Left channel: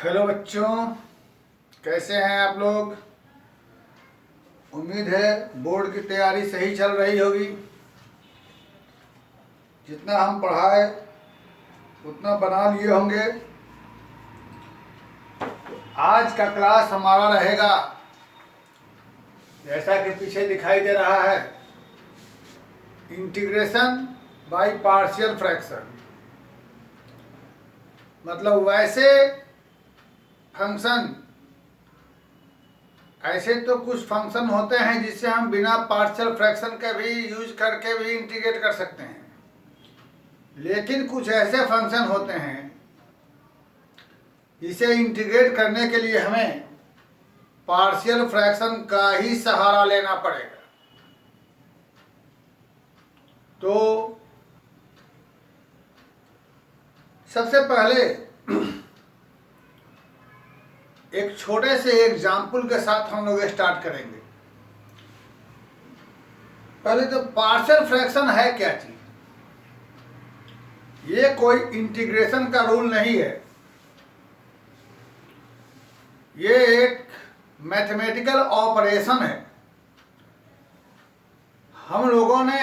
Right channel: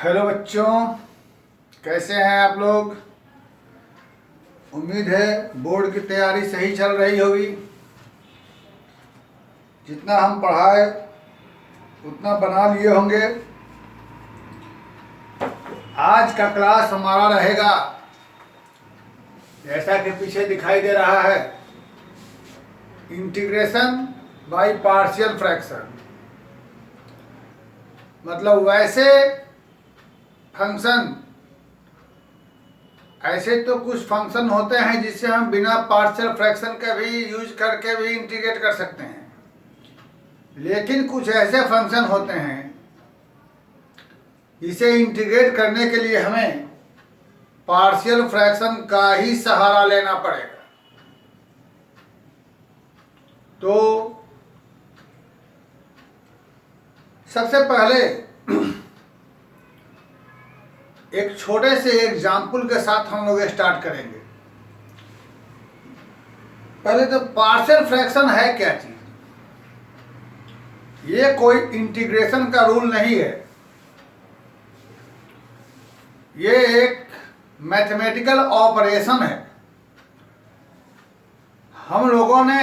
Hello बच्चों, कैसे हैं आप लोग। उम्मीद है बोर्ड की तैयारी सही चल रही होगी। जितना हम पढ़ाए उतना बना लिए होंगे। आज का क्लास हमारा रहेगा, जैसा कि पीछे दिखाई दे रहा है, इंटीग्रेशन बाय पार्शियल फ्रैक्शन। मतलब ऐसे तो कुछ फंक्शन होते हैं जिससे हम बिना पार्शियल फ्रैक्शन के भी यूज करके भी इंटीग्रेट कर सकते हैं, लेकिन कुछ ऐसे फंक्शन होते हैं जिसे इंटीग्रेट करने के लिए हमें पार्शियल फ्रैक्शन का ही सहारा लेना पड़ेगा। तो सबसे पहले एक छोटे से एग्जाम्पल के साथ हम लोग स्टार्ट करेंगे। पहले तो पार्शियल फ्रैक्शन है क्या चीज। ये कोई इंटीग्रेशन का रूल नहीं है, ये एक मैथमेटिकल ऑपरेशन है। हम लोगों ने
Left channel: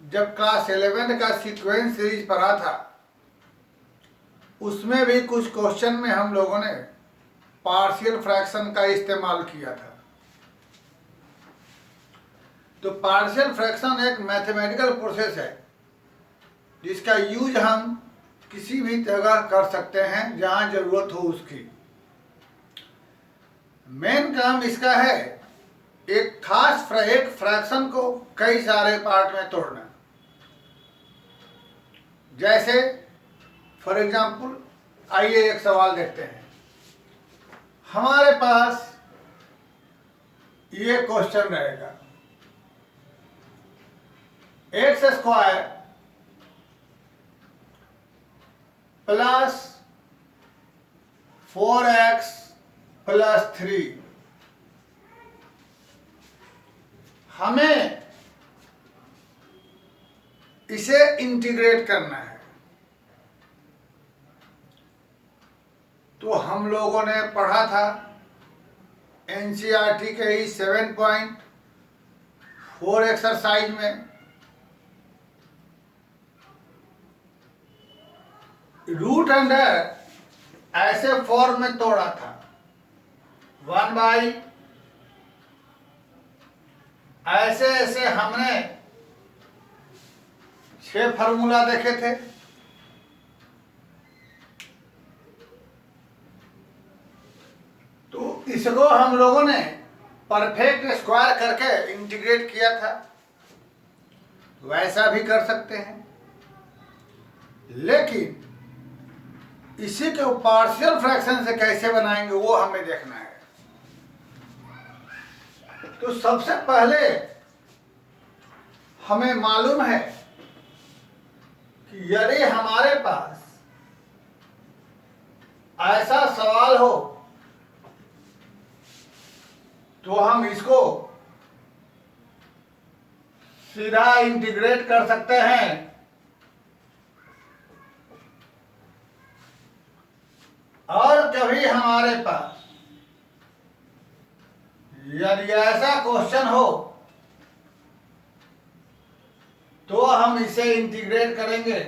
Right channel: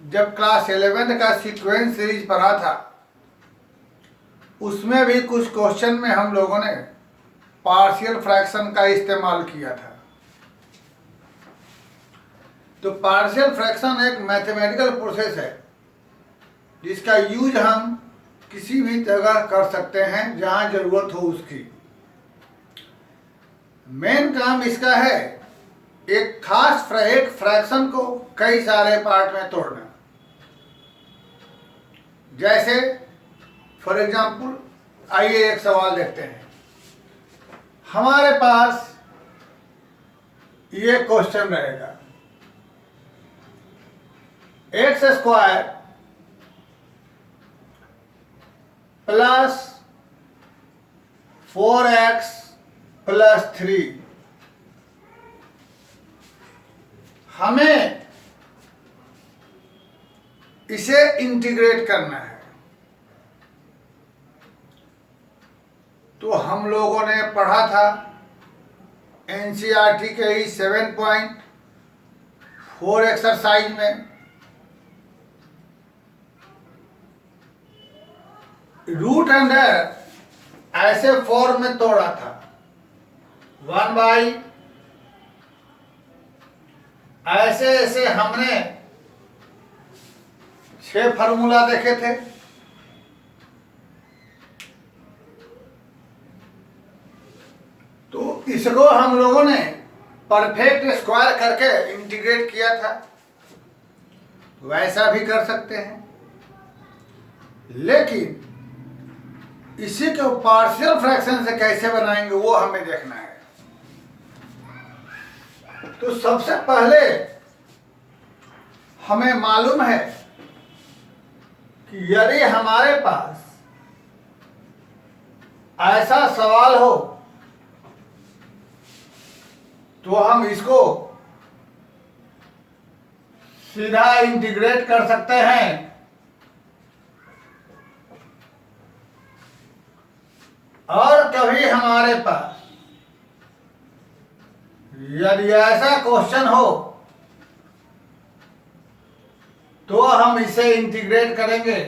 जब क्लास 11 का सीक्वेंस सीरीज पढ़ा था, उसमें भी कुछ क्वेश्चन में हम लोगों ने पार्शियल फ्रैक्शन का इस्तेमाल किया था। तो पार्शियल फ्रैक्शन एक मैथमेटिकल प्रोसेस है जिसका यूज हम किसी भी जगह कर सकते हैं जहां जरूरत हो उसकी। मेन काम इसका है एक खास एक फ्रैक्शन को कई सारे पार्ट में तोड़ना। जैसे फॉर एग्जाम्पल, आइए एक सवाल देखते हैं। हमारे पास ये क्वेश्चन रहेगा, x square plus 4x plus 3। हमें इसे इंटीग्रेट करना है। तो हम लोगों ने पढ़ा था एनसीईआरटी के ही 7.4 एक्सरसाइज में, रूट अंडर ऐसे फॉर्म में तोड़ा था। 1/, ऐसे ऐसे हमने 6 फार्मूला देखे थे। तो इसको हम लोगों ने परफेक्ट स्क्वायर करके इंटीग्रेट किया था। वैसा भी कर सकते हैं, लेकिन इसी को पार्शियल फ्रैक्शन से कैसे बनाएंगे वो हमें देखना है। तो सबसे पहले हमें मालूम है कि यदि हमारे पास ऐसा सवाल हो तो हम इसको सीधा इंटीग्रेट कर सकते हैं। और कभी हमारे पास यदि ऐसा क्वेश्चन हो तो हम इसे इंटीग्रेट करेंगे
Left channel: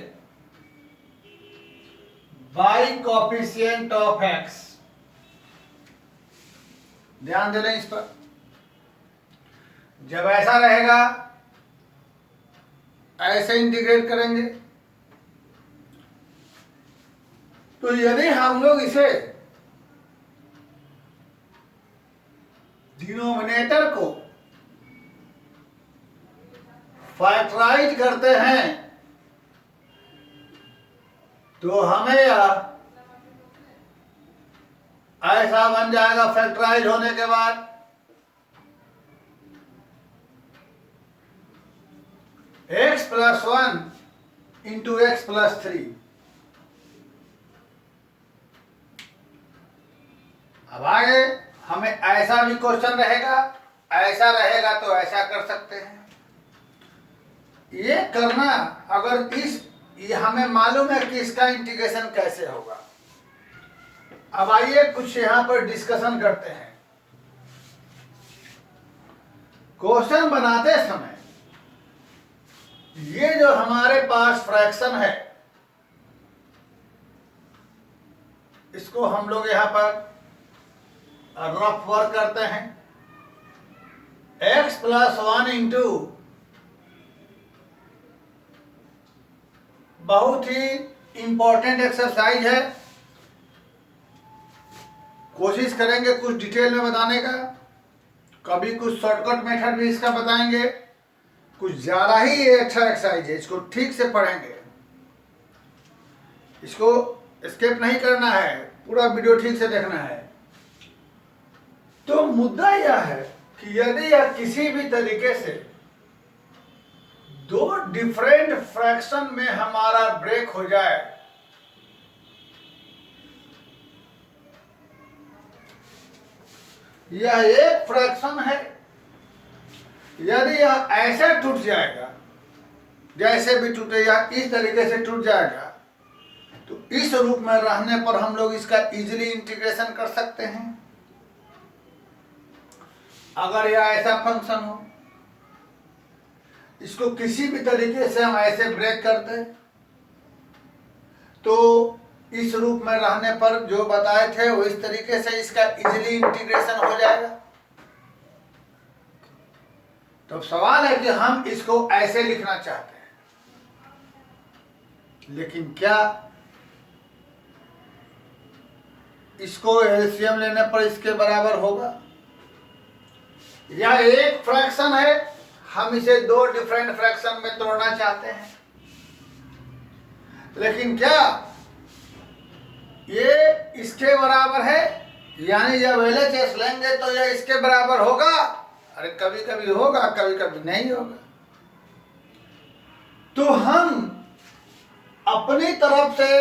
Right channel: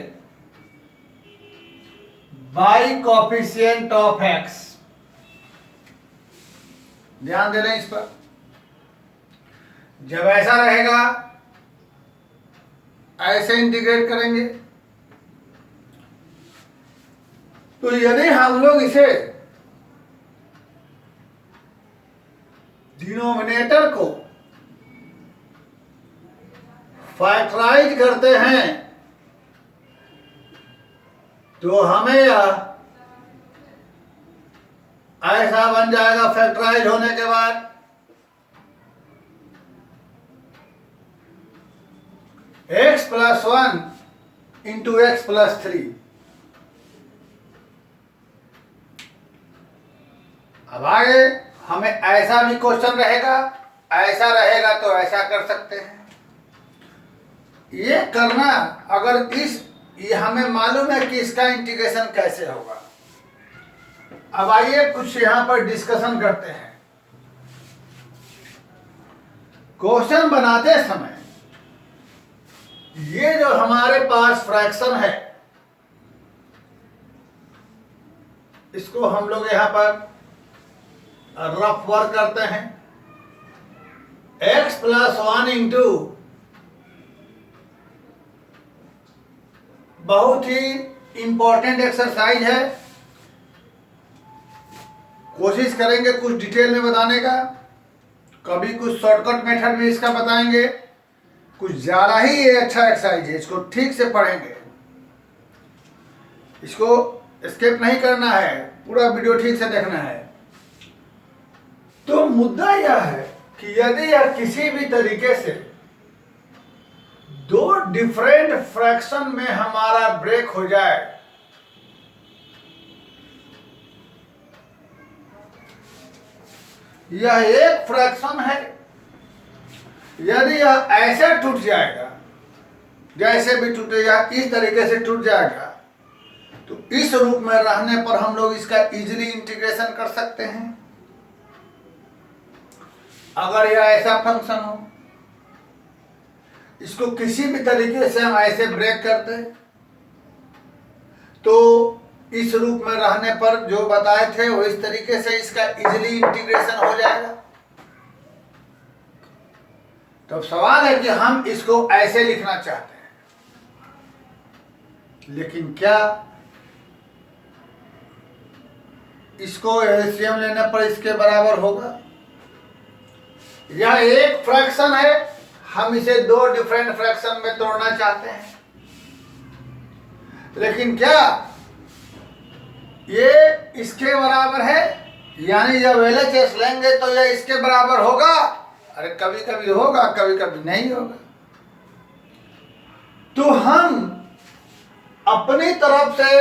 बाई कोफिशिएंट ऑफ एक्स। ध्यान दे लें इस पर। जब ऐसा रहेगा ऐसे इंटीग्रेट करेंगे। तो यदि हम लोग इसे डिनोमिनेटर को फैक्टराइज करते हैं तो हमें यह ऐसा बन जाएगा। फैक्टराइज होने के बाद x plus 1 into x plus 3। अब आगे हमें ऐसा भी क्वेश्चन रहेगा, ऐसा रहेगा तो ऐसा कर सकते हैं। ये करना अगर ये हमें मालूम है कि इसका इंटीग्रेशन कैसे होगा। अब आइए कुछ यहां पर डिस्कशन करते हैं। क्वेश्चन बनाते समय ये जो हमारे पास फ्रैक्शन है, इसको हम लोग यहां पर रफ वर्क करते हैं। x प्लस 1 इंटू बहुत ही इंपॉर्टेंट एक्सरसाइज है, कोशिश करेंगे कुछ डिटेल में बताने का। कभी कुछ शॉर्टकट मेथड भी इसका बताएंगे, कुछ ज़्यादा ही ये अच्छा एक्सरसाइज है, इसको ठीक से पढ़ेंगे, इसको स्किप नहीं करना है, पूरा वीडियो ठीक से देखना है। तो मुद्दा यह है कि यदि यह किसी भी तरीके से दो डिफरेंट फ्रैक्शन में हमारा ब्रेक हो जाए, यह एक फ्रैक्शन है, यदि यह ऐसे टूट जाएगा, जैसे भी टूटेगा इस तरीके से टूट जाएगा, तो इस रूप में रहने पर हम लोग इसका इजीली इंटीग्रेशन कर सकते हैं। अगर यह ऐसा फंक्शन हो, इसको किसी भी तरीके से हम ऐसे ब्रेक करते हैं, तो इस रूप में रहने पर जो बताए थे वो इस तरीके से इसका इजीली इंटीग्रेशन हो जाएगा। तो सवाल है कि हम इसको ऐसे लिखना चाहते हैं, लेकिन क्या इसको एलसीएम लेने पर इसके बराबर होगा? यह एक फ्रैक्शन है, हम इसे दो डिफरेंट फ्रैक्शन में तोड़ना चाहते हैं, लेकिन क्या ये इसके बराबर है? यानी जब एलएचएस लेंगे तो यह इसके बराबर होगा? अरे कभी कभी होगा, कभी कभी नहीं होगा। तो हम अपनी तरफ से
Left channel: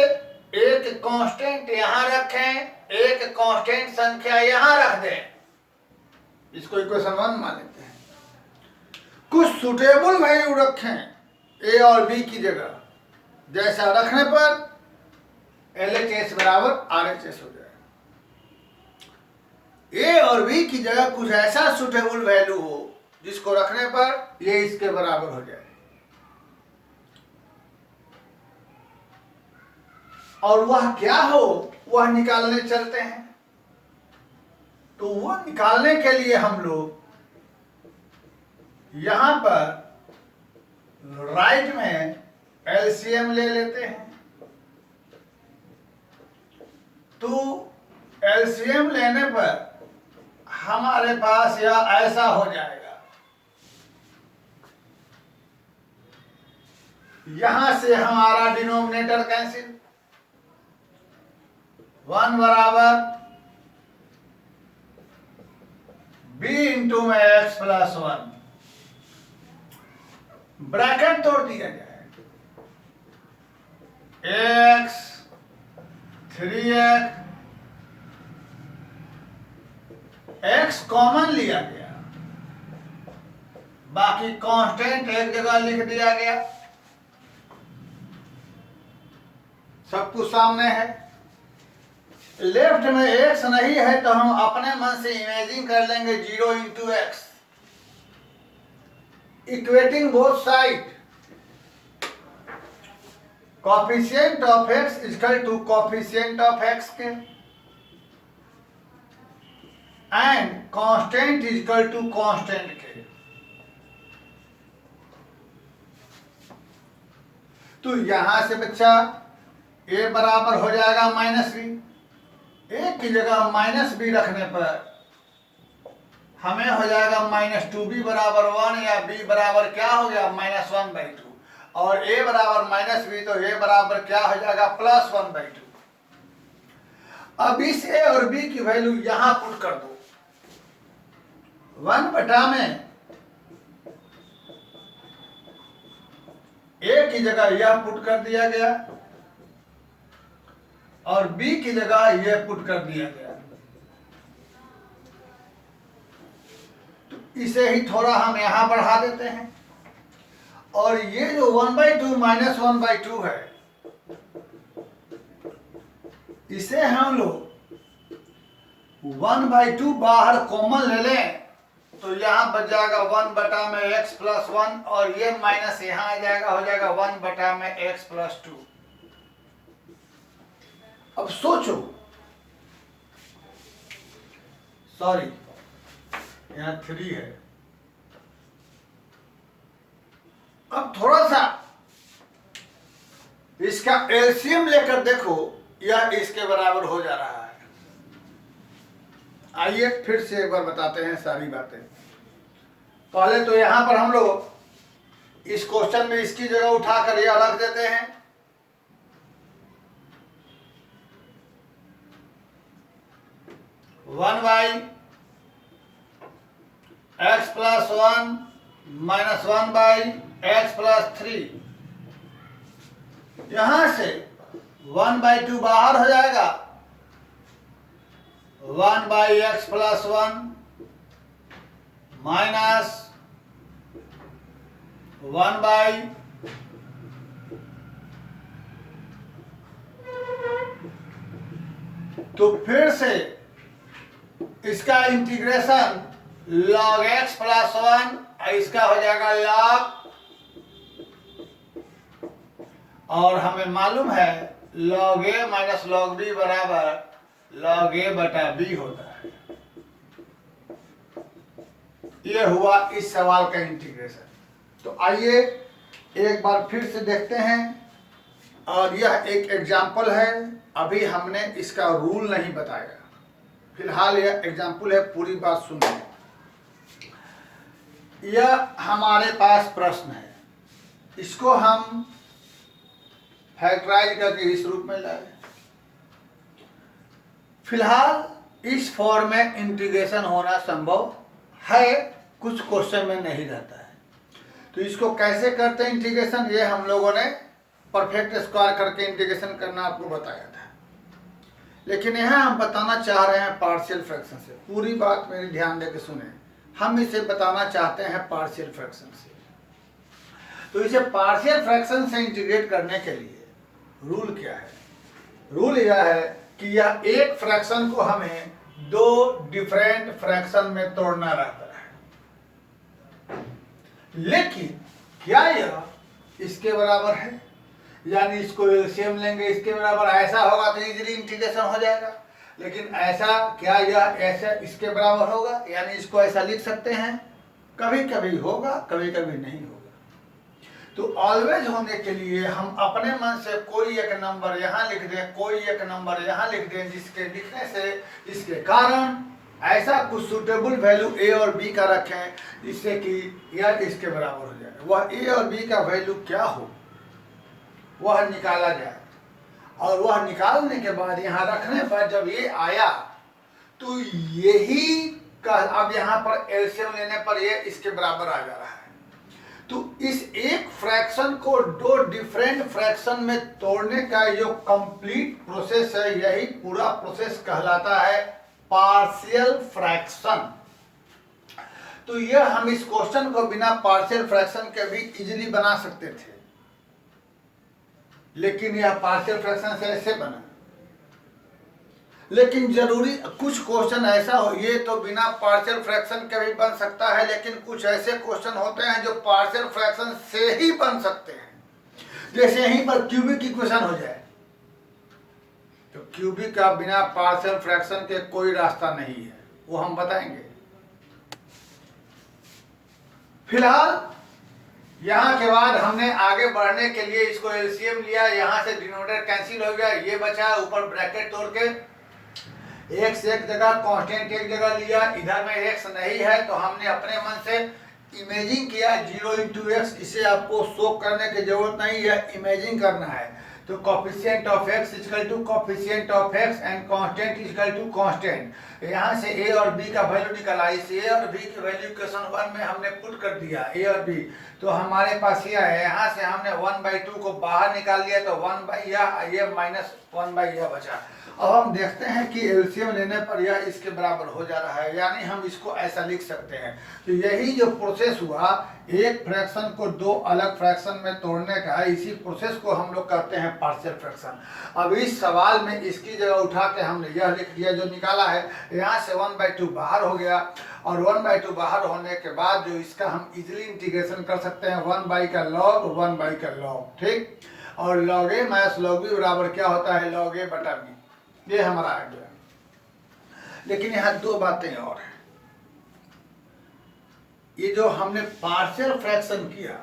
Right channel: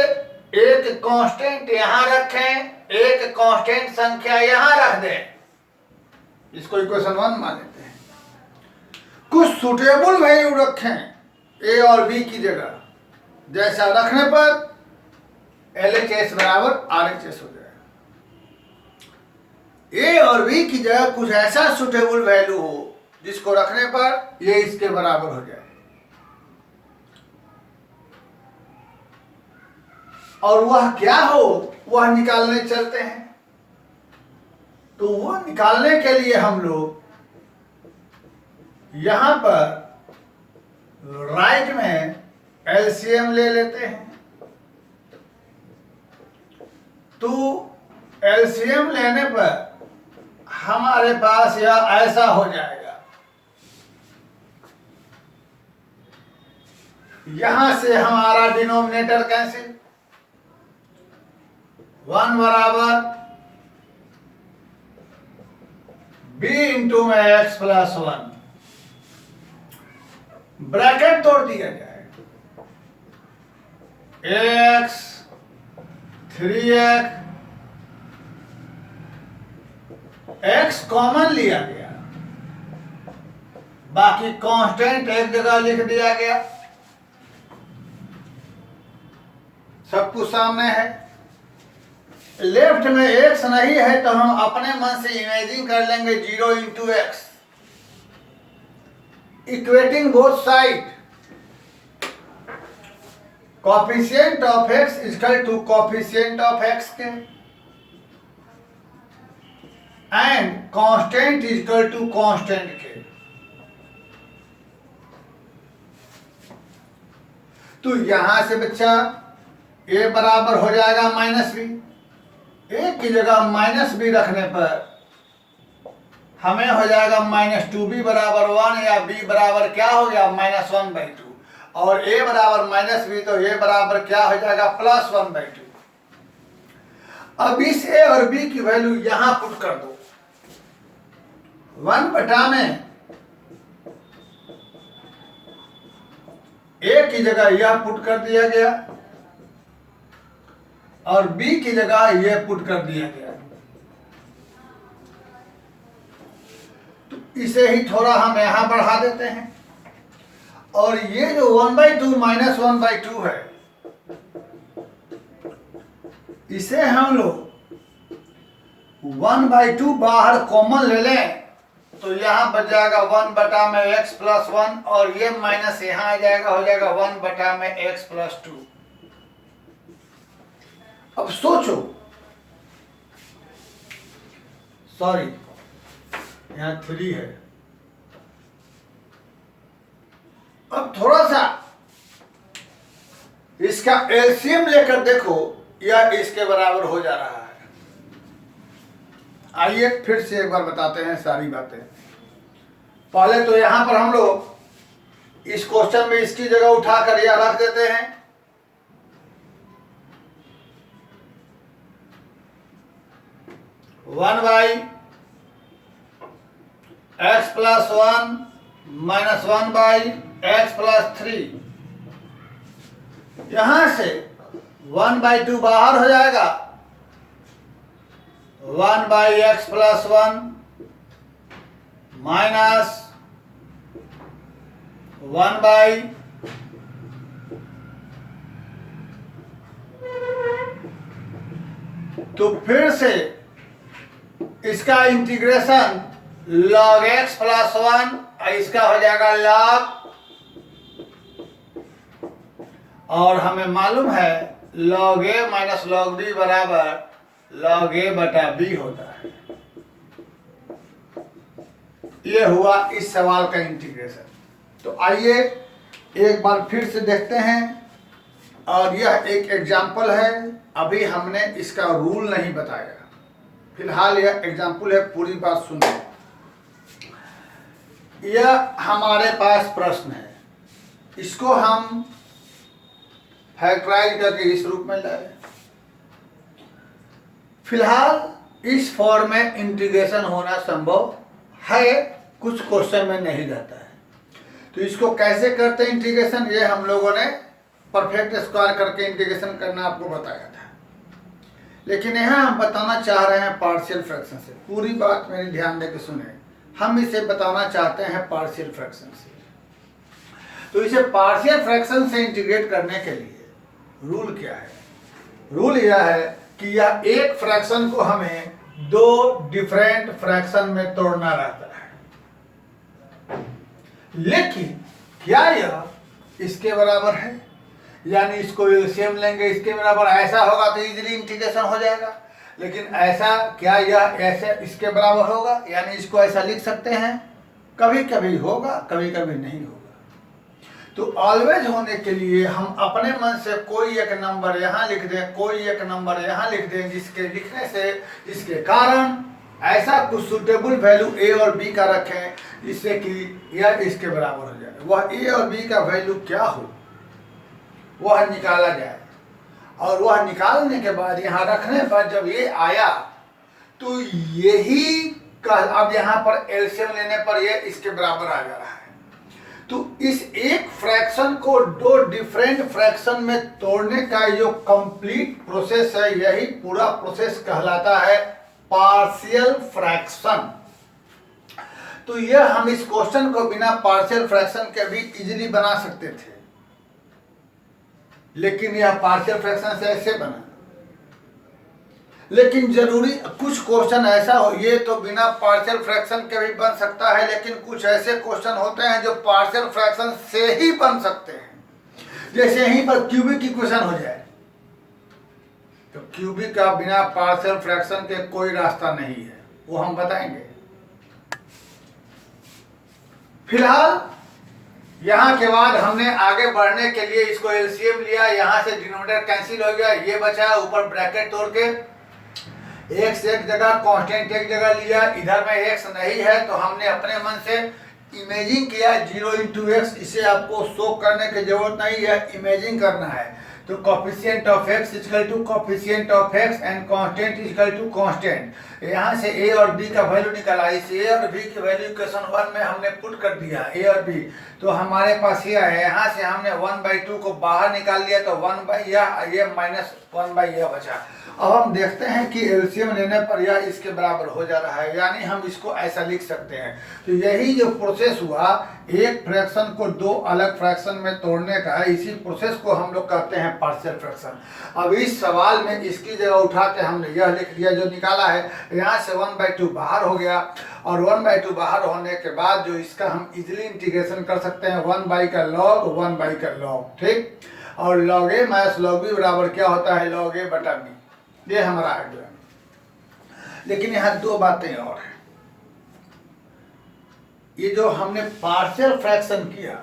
एक कांस्टेंट यहां रखें, एक कांस्टेंट संख्या यहां रख दें, इसको इक्वेशन 1 मान लेते हैं। कुछ सुटेबल वैल्यू रखें ए और बी की जगह, जैसा रखने पर LHS बराबर RHS हो जाएगा। ए और बी की जगह कुछ ऐसा सुटेबल वैल्यू हो जिसको रखने पर ये इसके बराबर हो जाए, और वह क्या हो वह निकालने चलते हैं। तो वह निकालने के लिए हम लोग यहां पर राइट में एलसीएम ले लेते हैं। तो एलसीएम लेने पर हमारे पास यह ऐसा हो जाएगा, यहां से हमारा डिनोमिनेटर कैंसिल, 1 बराबर b इंटू में x प्लस 1, ब्रैकेट तोड़ दिया जाए, x 3x, x कॉमन लिया गया, बाकी कांस्टेंट एक जगह लिख दिया गया, सब कुछ सामने है। लेफ्ट में x नहीं है तो हम अपने मन से इमेजिन कर लेंगे 0 into x, equating both side, coefficient of x equal to coefficient of x के, and constant equal to constant के। तो यहां से बच्चा a बराबर हो जाएगा -b, a की जगह -b रखने पर हमें हो जाएगा -2b बराबर 1, या b बराबर क्या हो गया -1/2, और a बराबर -b, तो a बराबर क्या हो जाएगा +1/2। अब इस a और b की वैल्यू यहां पुट कर दो, 1 बटा में a की जगह यह पुट कर दिया गया और b की जगह यह पुट कर दिया गया। तो इसे ही थोड़ा हम यहां बढ़ा देते हैं, और ये जो 1/2 -1/2 है, इसे हम लोग 1/2 बाहर कॉमन ले लें तो यहाँ बच जाएगा 1 में x प्लस 1 और ये माइनस यहाँ आ जाएगा, हो जाएगा 1 में x प्लस 2। अब सोचो, सॉरी यहाँ 3 है। अब थोड़ा सा इसका एलसीएम लेकर देखो, यह इसके बराबर हो जा रहा है। आइए फिर से एक बार बताते हैं सारी बातें। पहले तो यहां पर हम लोग इस क्वेश्चन में इसकी जगह उठाकर यह रख देते हैं। One by x plus 1 minus 1 by x plus 3। यहां से 1/2 बाहर हो जाएगा, 1 by x plus 1 minus 1 by तो फिर से इसका इंटीग्रेशन log x प्लस 1 इसका हो जाएगा log, और हमें मालूम है log a minus log b बराबर log a बटा b होता है। ये हुआ इस सवाल का इंटीग्रेशन। तो आइए एक बार फिर से देखते हैं, और यह एक एग्जाम्पल है। अभी हमने इसका रूल नहीं बताया, फिलहाल यह एग्जाम्पल है, पूरी बात सुनिए। यह हमारे पास प्रश्न है, इसको हम फैक्टराइज करके इस रूप में लाए। फिलहाल इस फॉर्म में इंटीग्रेशन होना संभव है, कुछ क्वेश्चन में नहीं रहता है। तो इसको कैसे करते हैं इंटीग्रेशन, ये हम लोगों ने परफेक्ट स्क्वायर करके इंटीग्रेशन करना आपको बताया था। लेकिन यहाँ हम बताना चाह रहे हैं पार्शियल फ्रैक्शन से। पूरी बात मेरी ध्यान देकर सुने, हम इसे बताना चाहते हैं पार्शियल फ्रैक्शन से। तो इसे पार्शियल फ्रैक्शन से इंटीग्रेट करने के लिए रूल क्या है? रूल यह है कि यह एक फ्रैक्शन को हमें दो डिफरेंट फ्रैक्शन में तोड़ना रहता है। लेकिन क्या यह इसके बराबर है? यानी इसको एलसीएम लेंगे, इसके बराबर ऐसा होगा तो इजीली इंटीग्रेशन हो जाएगा। लेकिन ऐसा क्या यह ऐसे इसके बराबर होगा? यानी इसको ऐसा लिख सकते हैं, कभी कभी होगा, कभी कभी नहीं होगा। तो ऑलवेज होने के लिए हम अपने मन से कोई एक नंबर यहाँ लिख दें, कोई एक नंबर यहाँ लिख दें, जिसके लिखने से इसके कारण ऐसा कुछ सुटेबल वैल्यू ए और बी का रखें जिससे कि यह इसके बराबर हो जाए। वह ए और बी का वैल्यू क्या हो वह निकाला जाए, और वह निकालने के बाद यहाँ रखने पर जब ये आया तो यही का अब यहाँ पर एलसीएम लेने पर ये इसके बराबर आ जा रहा है। तो इस एक फ्रैक्शन को दो डिफरेंट फ्रैक्शन में तोड़ने का जो कंप्लीट प्रोसेस है, यही पूरा प्रोसेस कहलाता है पार्शियल फ्रैक्शन। तो यह हम इस क्वेश्चन को बिना पार्शियल फ्रैक्शन के भी इजीली बना सकते थे, लेकिन यह पार्शियल फ्रैक्शन से ऐसे बना। लेकिन जरूरी कुछ क्वेश्चन ऐसा हो, ये तो बिना पार्शियल फ्रैक्शन के भी बन सकता है, लेकिन कुछ ऐसे क्वेश्चन होते हैं जो पार्शियल फ्रैक्शन से ही बन सकते हैं। जैसे यहीं पर क्यूबिक इक्वेशन हो जाए तो क्यूबिक का बिना पार्शियल फ्रैक्शन के कोई रास्ता नहीं है, वो हम बताएंगे। फिलहाल यहाँ के बाद हमने आगे बढ़ने के लिए इसको एलसीएम लिया, यहाँ से डिनोमिनेटर कैंसिल हो गया, ये बचा, ऊपर ब्रैकेट तोड़ के एक्स एक जगह कांस्टेंट एक जगह लिया। इधर में एक्स नहीं है तो हमने अपने मन से इमेजिंग किया 0 × x। इसे आपको शो करने की जरूरत नहीं है, इमेजिंग करना है। तो coefficient of x equal to coefficient of x and constant equal to constant. यहाँ से a और b का वैल्यू निकाला, इस a और b की वैल्यू इक्वेशन 1 में हमने पुट कर दिया a और b। तो हमारे पास यह है, यहाँ से हमने 1/2 को बाहर निकाल लिया तो 1 ये माइनस 1 बचा। अब हम देखते हैं कि एलसीएम लेने पर यह इसके बराबर हो जा रहा है, यानी हम इसको ऐसा लिख सकते हैं। तो यही जो प्रोसेस हुआ, एक फ्रैक्शन को दो अलग फ्रैक्शन में तोड़ने का है, इसी प्रोसेस को हम लोग कहते हैं पार्शियल फ्रैक्शन। अब इस सवाल में इसकी जगह उठा के हमने यह लिख दिया जो निकाला है, यहाँ से 1/2 बाहर हो गया, और 1/2 बाहर होने के बाद जो इसका हम इजीली इंटीग्रेशन कर सकते हैं 1 का लॉग 1 का लॉग, ठीक। और लॉग ए माइनस लॉग बी बराबर क्या होता है, लॉग ए बटा बी, ये हमारा आ गया। लेकिन यहाँ दो बातें और हैं। ये जो हमने पार्शियल फ्रैक्शन किया,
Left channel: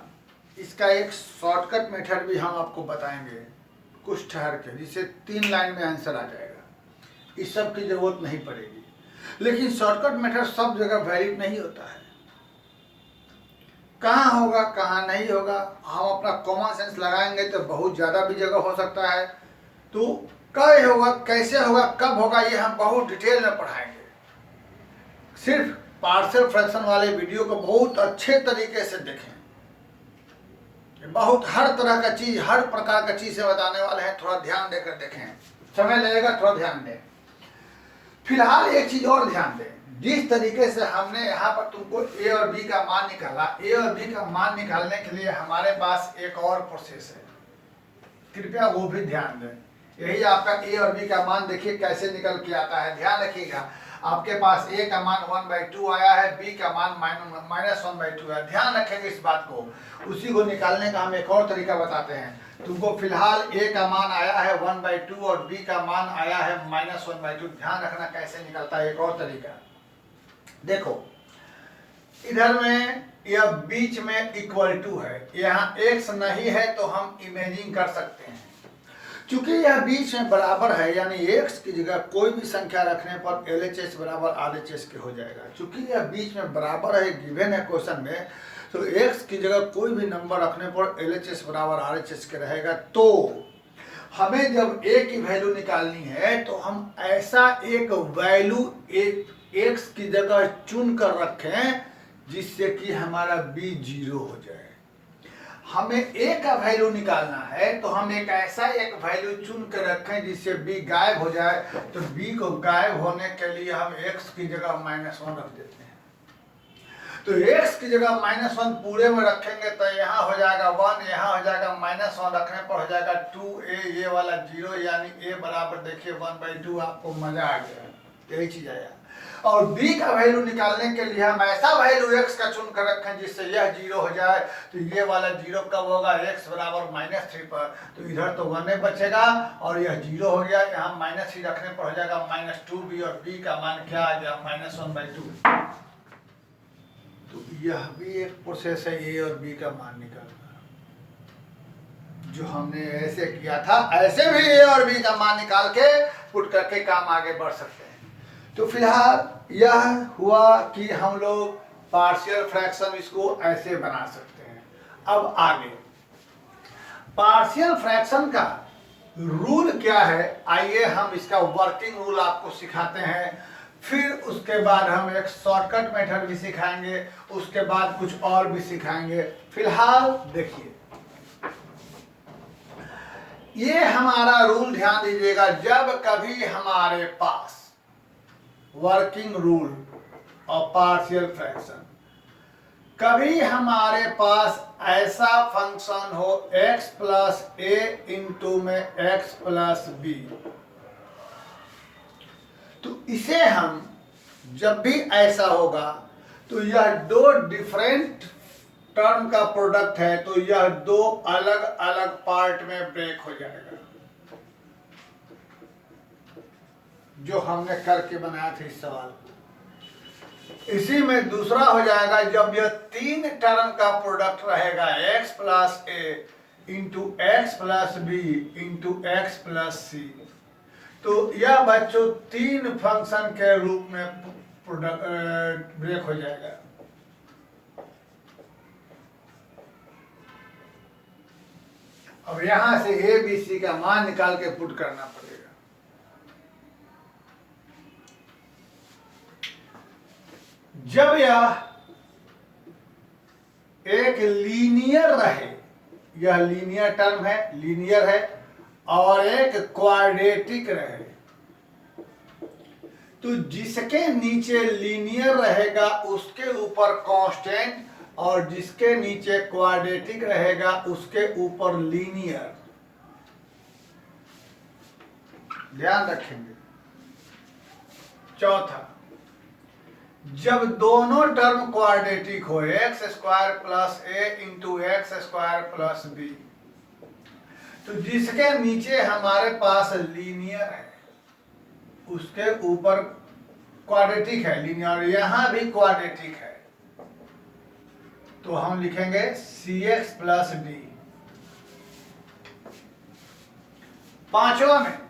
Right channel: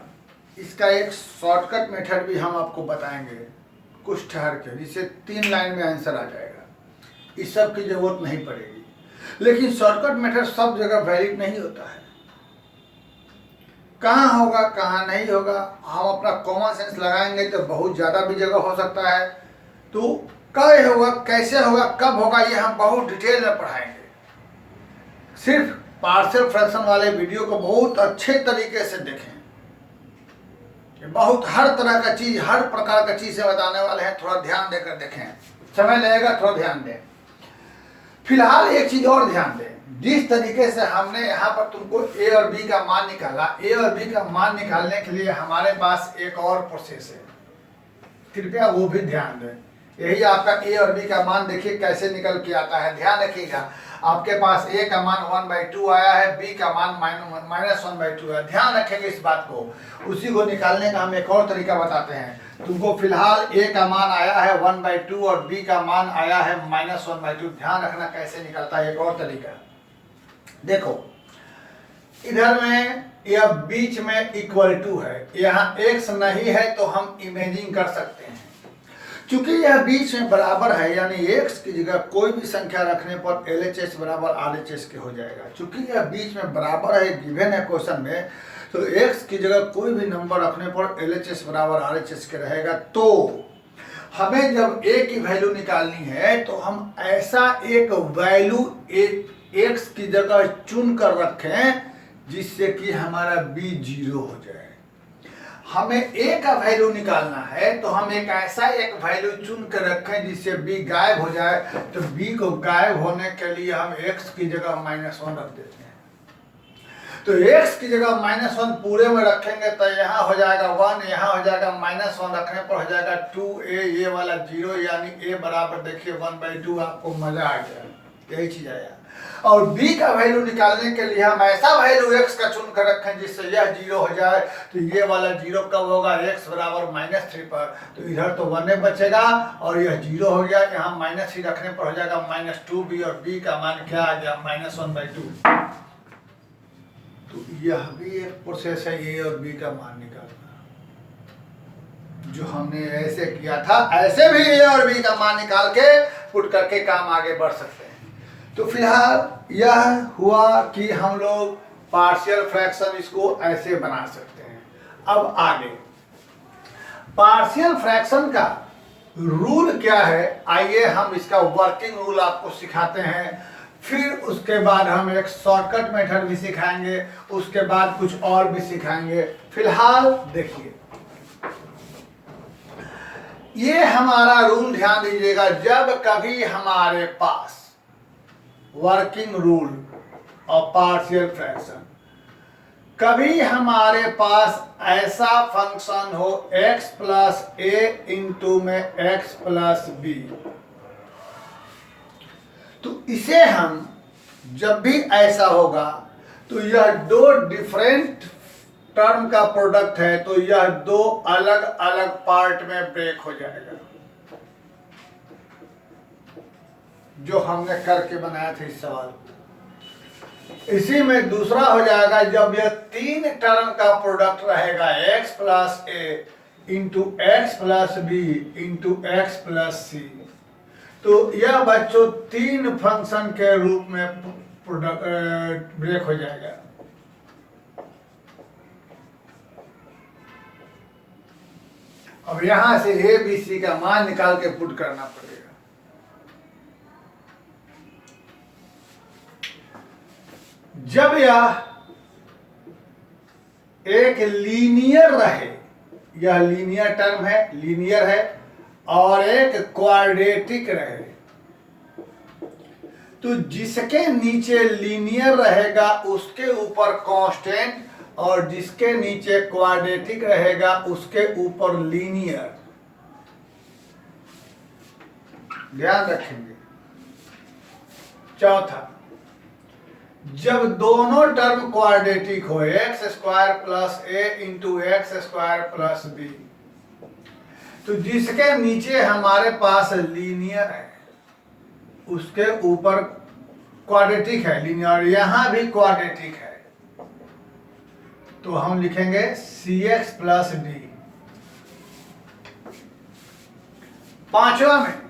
इसका एक शॉर्टकट मेथड भी हम आपको बताएंगे कुछ ठहर के, जिससे 3 लाइन में आंसर आ जाएगा, इस सब की जरूरत नहीं पड़ेगी। लेकिन शॉर्टकट मेथड सब जगह वैलिड नहीं होता है, कहाँ होगा कहाँ नहीं होगा। हम अपना कॉमन सेंस लगाएंगे तो बहुत ज़्यादा भी जगह हो सकता है, तो क्या होगा, कैसे होगा, कब होगा, ये हम बहुत डिटेल में पढ़ाएंगे। सिर्फ पार्शियल फ्रैक्शन वाले वीडियो को बहुत अच्छे तरीके से देखें, बहुत हर तरह का चीज़, हर प्रकार का चीज़ से बताने वाले हैं, थोड़ा ध्यान देकर देखें, समय लगेगा, थोड़ा ध्यान दें। फिलहाल एक चीज़ और ध्यान दें, जिस तरीके से हमने यहाँ पर तुमको ए और बी का मान निकाला, ए और बी का मान निकालने के लिए हमारे पास एक और प्रोसेस है, कृपया वो भी ध्यान दें। यही आपका ए और बी का मान देखिए कैसे निकल के आता है, ध्यान रखिएगा। आपके पास ए का मान 1/2 आया है, बी का मान -1/2 है, ध्यान रखेंगे इस बात को। उसी को निकालने का हम एक और तरीका बताते हैं। तुमको फिलहाल ए का मान आया है 1/2 और बी का मान आया है -1/2, ध्यान रखना कैसे निकलता है। एक और तरीका देखो, इधर में यह बीच में इक्वल टू है, यहाँ x नहीं है तो हम इमेजिंग कर सकते हैं। चूंकि यह बीच में बराबर है, यानी x की जगह कोई भी संख्या रखने पर LHS बराबर RHS के हो जाएगा। चूंकि यह बीच में बराबर है, गिवन है क्वेश्चन में, तो x की जगह कोई भी नंबर रखने पर LHS बराबर RHS के रहेगा। तो हमें जब a की वैल्यू निकालनी है तो हम ऐसा एक वैल्यू x की जगह चुन कर रखें जिससे कि हमारा b 0 हो जाए। हमें a का वैल्यू निकालना है तो हम एक ऐसा एक वैल्यू चुन कर रखें जिससे b गायब हो जाए। तो b को गायब होने के लिए हम x की जगह -1 रख देते हैं। तो x की जगह -1 पूरे में रखेंगे तो यहाँ हो जाएगा 1, यहाँ हो जाएगा -1 रखने पर हो जाएगा 2a, ये वाला 0, यानी a बराबर देखिए 1/2। आपको मजा आ गया, यही चीज आया। और b का वैल्यू निकालने के लिए हम ऐसा वैल्यू x का चुन कर रखें जिससे यह 0 हो जाए। तो ये वाला 0 कब होगा, x बराबर -3 पर, तो इधर तो 1 बचेगा और यह 0 हो गया। यहाँ -3 रखने पर हो जाएगा -2b और b का मान क्या आ गया, -1/2। तो यह भी एक प्रोसेस है a और b का मान निकालना, जो हमने ऐसे किया था। ऐसे भी a और b का मान निकाल के पुट करके काम आगे बढ़ सकते हैं। तो फिलहाल यह हुआ कि हम लोग पार्शियल फ्रैक्शन इसको ऐसे बना सकते हैं। अब आगे पार्शियल फ्रैक्शन का रूल क्या है, आइए हम इसका वर्किंग रूल आपको सिखाते हैं। फिर उसके बाद हम एक शॉर्टकट मेथड भी सिखाएंगे, उसके बाद कुछ और भी सिखाएंगे। फिलहाल देखिए, ये हमारा रूल ध्यान दीजिएगा। जब कभी हमारे पास वर्किंग रूल और पार्शियल फ्रैक्शन, कभी हमारे पास ऐसा फंक्शन हो x प्लस a इंटू में x प्लस b, तो इसे हम जब भी ऐसा होगा तो यह दो डिफरेंट टर्म का प्रोडक्ट है, तो यह दो अलग अलग पार्ट में ब्रेक हो जाएगा, जो हमने करके बनाया था इस सवाल को। इसी में दूसरा हो जाएगा, जब यह 3 टर्म का प्रोडक्ट रहेगा x plus a into x plus b into x plus c, तो यह बच्चों 3 फंक्शन के रूप में प्रोडक्ट ब्रेक हो जाएगा। अब यहां से a b c का मान निकाल के पुट करना पड़ेगा। जब यह एक लीनियर रहे, यह लीनियर टर्म है, लीनियर है, और एक क्वाड्रेटिक रहे, तो जिसके नीचे लीनियर रहेगा उसके ऊपर कांस्टेंट और जिसके नीचे क्वाड्रेटिक रहेगा उसके ऊपर लीनियर। ध्यान रखेंगे। चौथा, जब दोनों टर्म क्वाड्रेटिक हो, x square plus a into x square plus b, तो जिसके नीचे हमारे पास लीनियर है उसके ऊपर क्वाड्रेटिक है लीनियर, यहां भी क्वाड्रेटिक है, तो हम लिखेंगे सी एक्स प्लस डी। पांचवा में,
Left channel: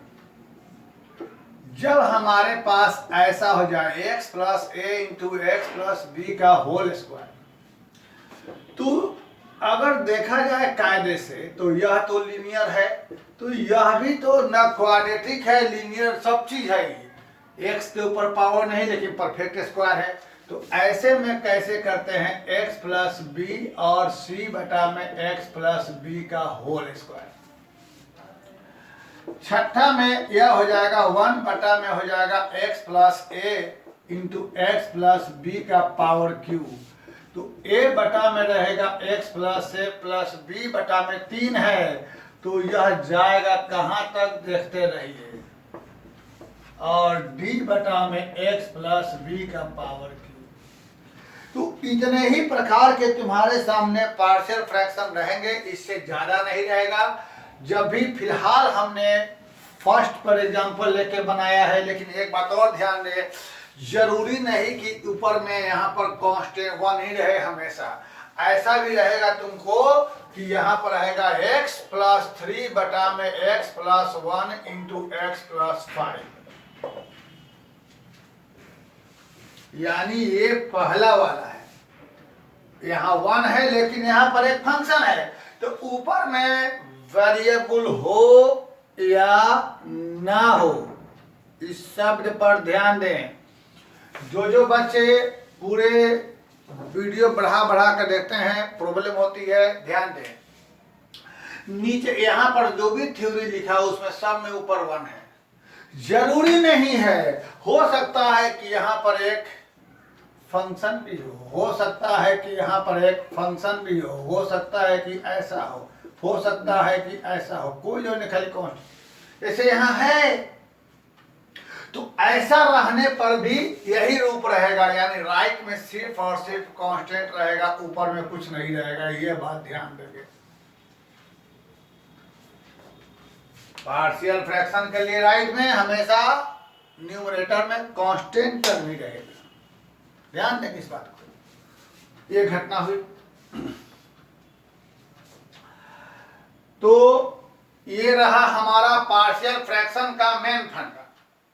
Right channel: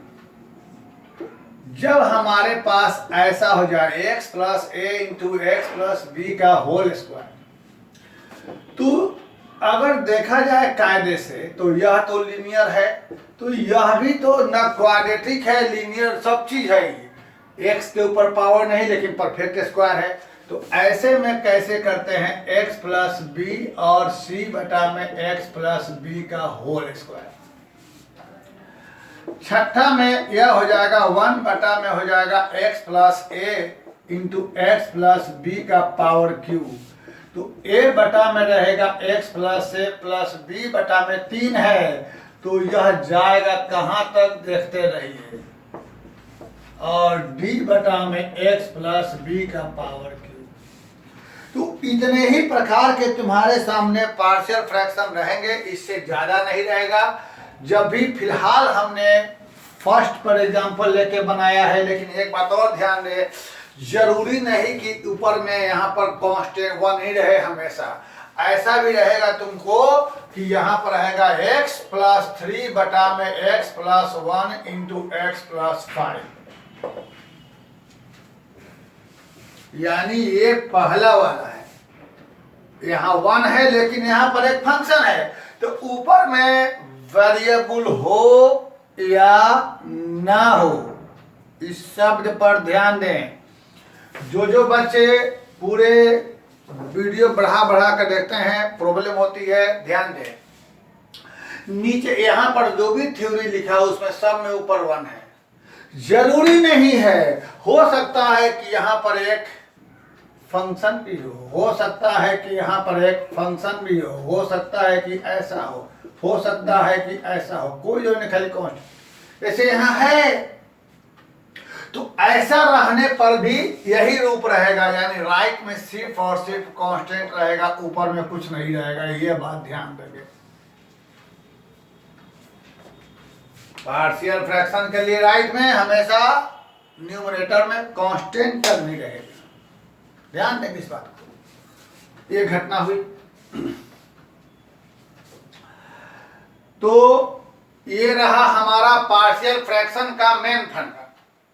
जब हमारे पास ऐसा हो जाए x plus a into x plus B का होल स्क्वायर, तो अगर देखा जाए कायदे से तो यह तो लीनियर है, तो यह भी तो न क्वाड्रेटिक है, लीनियर सब चीज है। एक्स के ऊपर पावर नहीं लेकिन परफेक्ट स्क्वायर है, तो ऐसे में कैसे करते हैं, एक्स प्लस बी और सी बटा में एक्स प्लस बी का होल स्क्वायर। छठा में यह हो जाएगा 1 बटा में हो जाएगा x plus a into x plus B का पावर क्यूब, तो a बटा में रहेगा x प्लस ए प्लस b बटा में 3 है, तो यह जाएगा कहां तक देखते रहिए, और d बटा में x प्लस b का पावर क्यूब। तो इतने ही प्रकार के तुम्हारे सामने पार्शियल फ्रैक्शन रहेंगे, इससे ज्यादा नहीं रहेगा। जब भी फिलहाल हमने फर्स्ट पर एग्जांपल लेके बनाया है, लेकिन एक बात और ध्यान दे, जरूरी नहीं कि ऊपर में यहाँ पर कांस्टेंट 1 ही रहे हमेशा, ऐसा भी रहेगा तुमको कि यहाँ पर रहेगा x प्लस 3 बटा में x plus 1 into x plus 5, यानी ये पहला वाला है, यहाँ 1 है लेकिन यहाँ पर एक फंक्शन है, तो ऊपर में वेरिएबल हो या ना हो, इस शब्द पर ध्यान दें। जो बच्चे पूरे वीडियो बढ़ा बढ़ा कर देखते हैं प्रॉब्लम होती है, ध्यान दें। नीचे यहाँ पर जो भी थ्योरी लिखा है उसमें सब में ऊपर 1 है, जरूरी नहीं है, हो सकता है कि यहाँ पर एक फंक्शन भी हो सकता है कि यहाँ पर एक फंक्शन भी हो सकता है कि ऐसा हो सकता है कि ऐसा हो, कोई जो नहीं, खाली कांस्टेंट जैसे यहाँ है, तो ऐसा रहने पर भी यही रूप रहेगा, यानी राइट में सिर्फ और सिर्फ कांस्टेंट रहेगा, ऊपर में कुछ नहीं रहेगा, ये बात ध्यान देंगे। पार्शियल फ्रैक्शन के लिए राइट में हमेशा न्यूमरेटर में कांस्टेंट टर्म ही रहेगा, ध्यान देंगे इस बात को। ये घटना हुई, तो ये रहा हमारा पार्शियल फ्रैक्शन का मेन फंडा।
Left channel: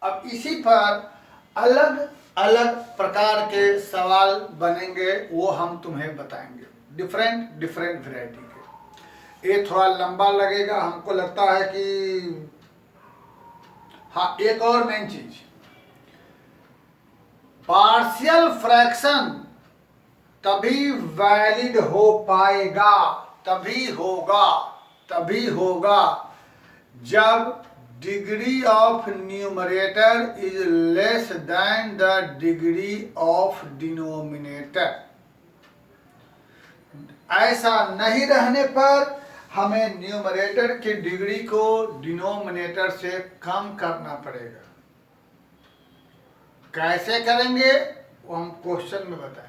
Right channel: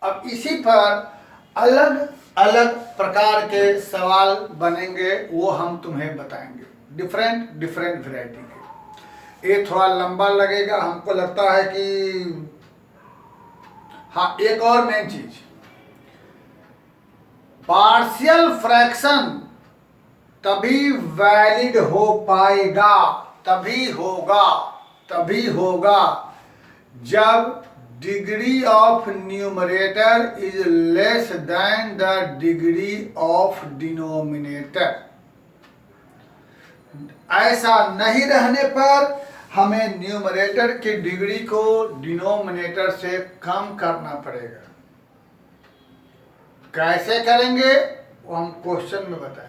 अब इसी पर अलग अलग प्रकार के सवाल बनेंगे, वो हम तुम्हें बताएंगे, डिफरेंट वैरायटी के। ये थोड़ा लंबा लगेगा, हमको लगता है कि हाँ, एक और मेन चीज, पार्शियल फ्रैक्शन तभी वैलिड हो पाएगा, तभी होगा जब degree of numerator is less than the degree of denominator. ऐसा नहीं रहने पर हमें न्यूमरेटर की डिग्री को डिनोमिनेटर से कम करना पड़ेगा। कैसे करेंगे वो हम क्वेश्चन में बताएंगे।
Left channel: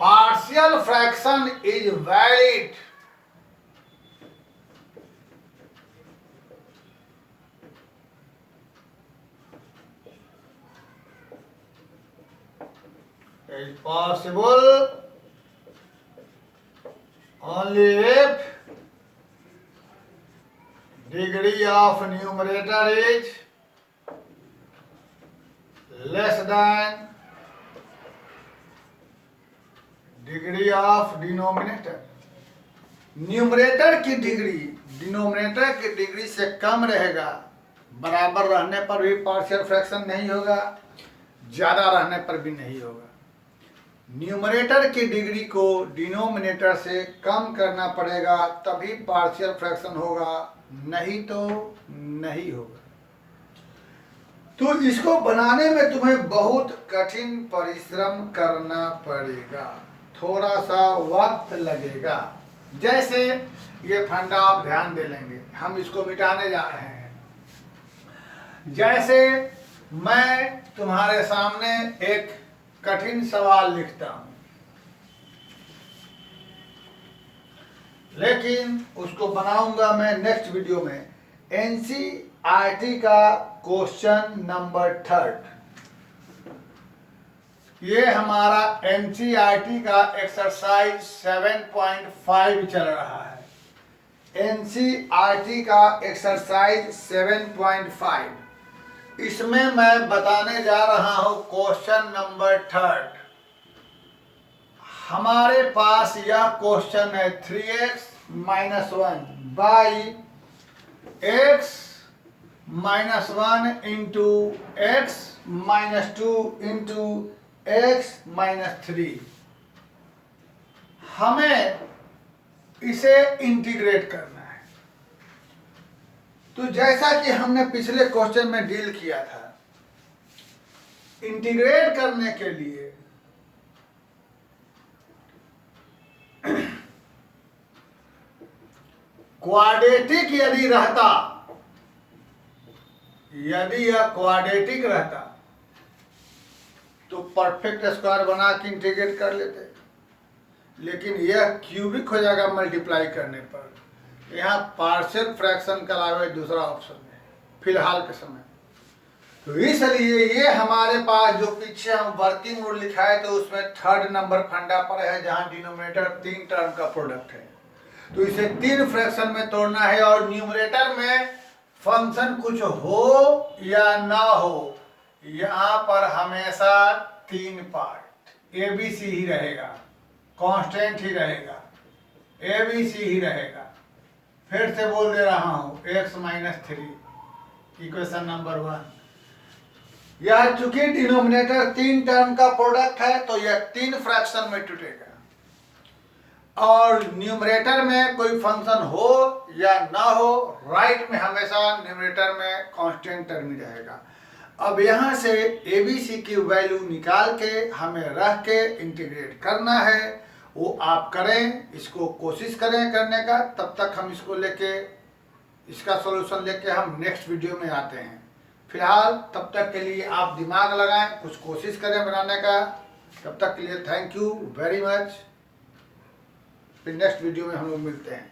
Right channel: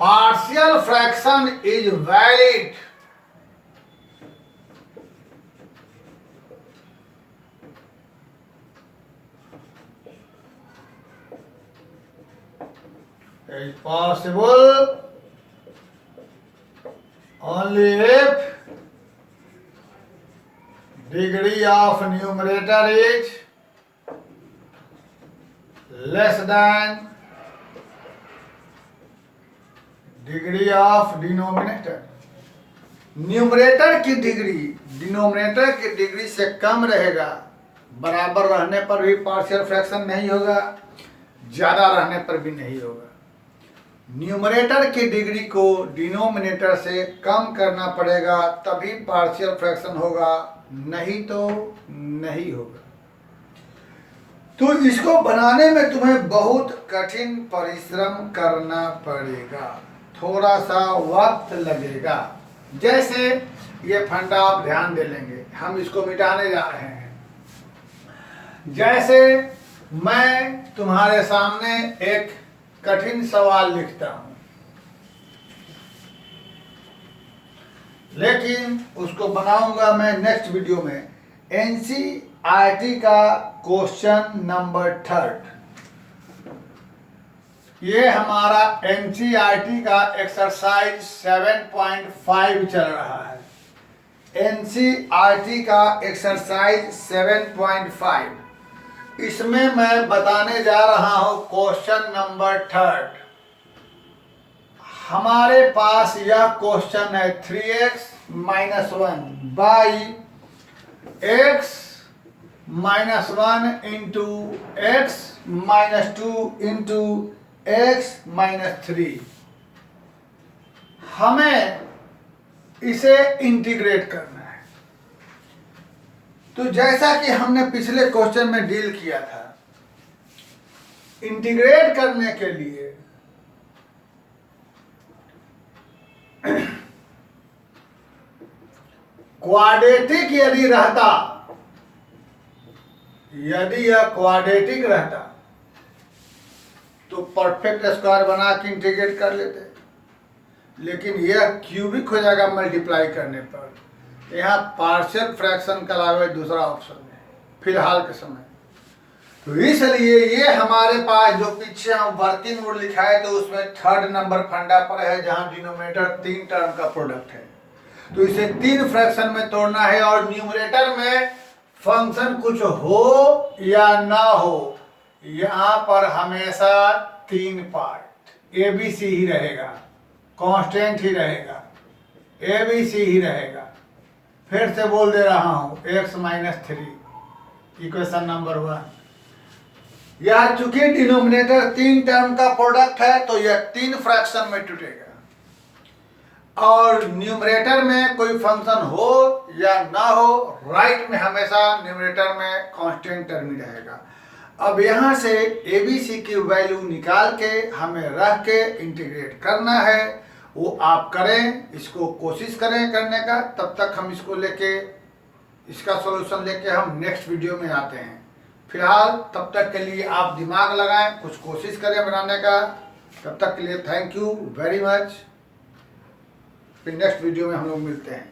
Partial fraction is valid is possible only if degree of numerator is less than degree of denominator। Numerator की डिग्री डिनोमिनेटर की डिग्री से कम रहेगा, बराबर रहने पर भी पार्शियल फ्रैक्शन नहीं होगा, ज्यादा रहने पर भी नहीं होगा। न्यूमरेटर की डिग्री को डिनोमिनेटर से कम करना पड़ेगा, तभी पार्शियल फ्रैक्शन होगा, नहीं तो नहीं होगा। तो इसको बनाने में तुम्हें बहुत कठिन परिश्रम करना पड़ेगा, थोड़ा सा वक्त लगेगा। जैसे ये फंडा आप ध्यान दे लेंगे, हम इसको मिटाने जा रहे हैं। जैसे मैं तुम्हारे सामने एक कठिन सवाल लिखता हूं, लेकिन उसको बनाऊंगा मैं नेक्स्ट वीडियो में। एनसीईआरटी का क्वेश्चन नंबर 3, ये हमारा एनसीईआरटी का एक्सरसाइज 7.5 चल रहा है। एनसीईआरटी का एक्सरसाइज 7.5, इसमें मैं बताने जा रहा हूं क्वेश्चन नंबर 3। हमारे पास यह क्वेश्चन है 3x - 1 by x - 1 into x - 2 into x - 3। हमें इसे इंटीग्रेट करना है। तो जैसा कि हमने पिछले क्वेश्चन में डील किया था, इंटीग्रेट करने के लिए क्वाड्रेटिक यदि रहता, यदि यह क्वाड्रेटिक रहता तो परफेक्ट स्क्वायर बना के इंटीग्रेट कर लेते, लेकिन यह क्यूबिक हो जाएगा मल्टीप्लाई करने पर। यहाँ पार्शियल फ्रैक्शन के अलावा दूसरा ऑप्शन है फिलहाल के समय। तो इसलिए ये हमारे पास जो पीछे हम वर्किंग रूल लिखा है, तो उसमें 3rd नंबर फंडा पर है, जहां डिनोमिनेटर 3 टर्म का प्रोडक्ट है। तो इसे 3 फ्रैक्शन में तोड़ना है, और न्यूमरेटर में फंक्शन कुछ हो या ना हो, यहाँ पर हमेशा 3 पार्ट ABC ही रहेगा, कांस्टेंट ही रहेगा, ABC ही रहेगा। फिर से बोल दे रहा हूं, x - 3 इक्वेशन नंबर 1। यह चूंकि डिनोमिनेटर 3 टर्म का प्रोडक्ट है, तो यह 3 फ्रैक्शन में टूटेगा, और न्यूमरेटर में कोई फंक्शन हो या ना हो, राइट में हमेशा न्यूमरेटर में कांस्टेंट टर्म ही रहेगा। अब यहाँ से ABC की वैल्यू निकाल के हमें रख के इंटीग्रेट करना है, वो आप करें, इसको कोशिश करें करने का। तब तक हम इसको लेके, इसका सॉल्यूशन लेके हम नेक्स्ट वीडियो में आते हैं। फिलहाल तब तक के लिए आप दिमाग लगाएं, कुछ कोशिश करें बनाने का। तब तक के लिए थैंक यू वेरी मच। फिर नेक्स्ट वीडियो में हम लोग मिलते हैं।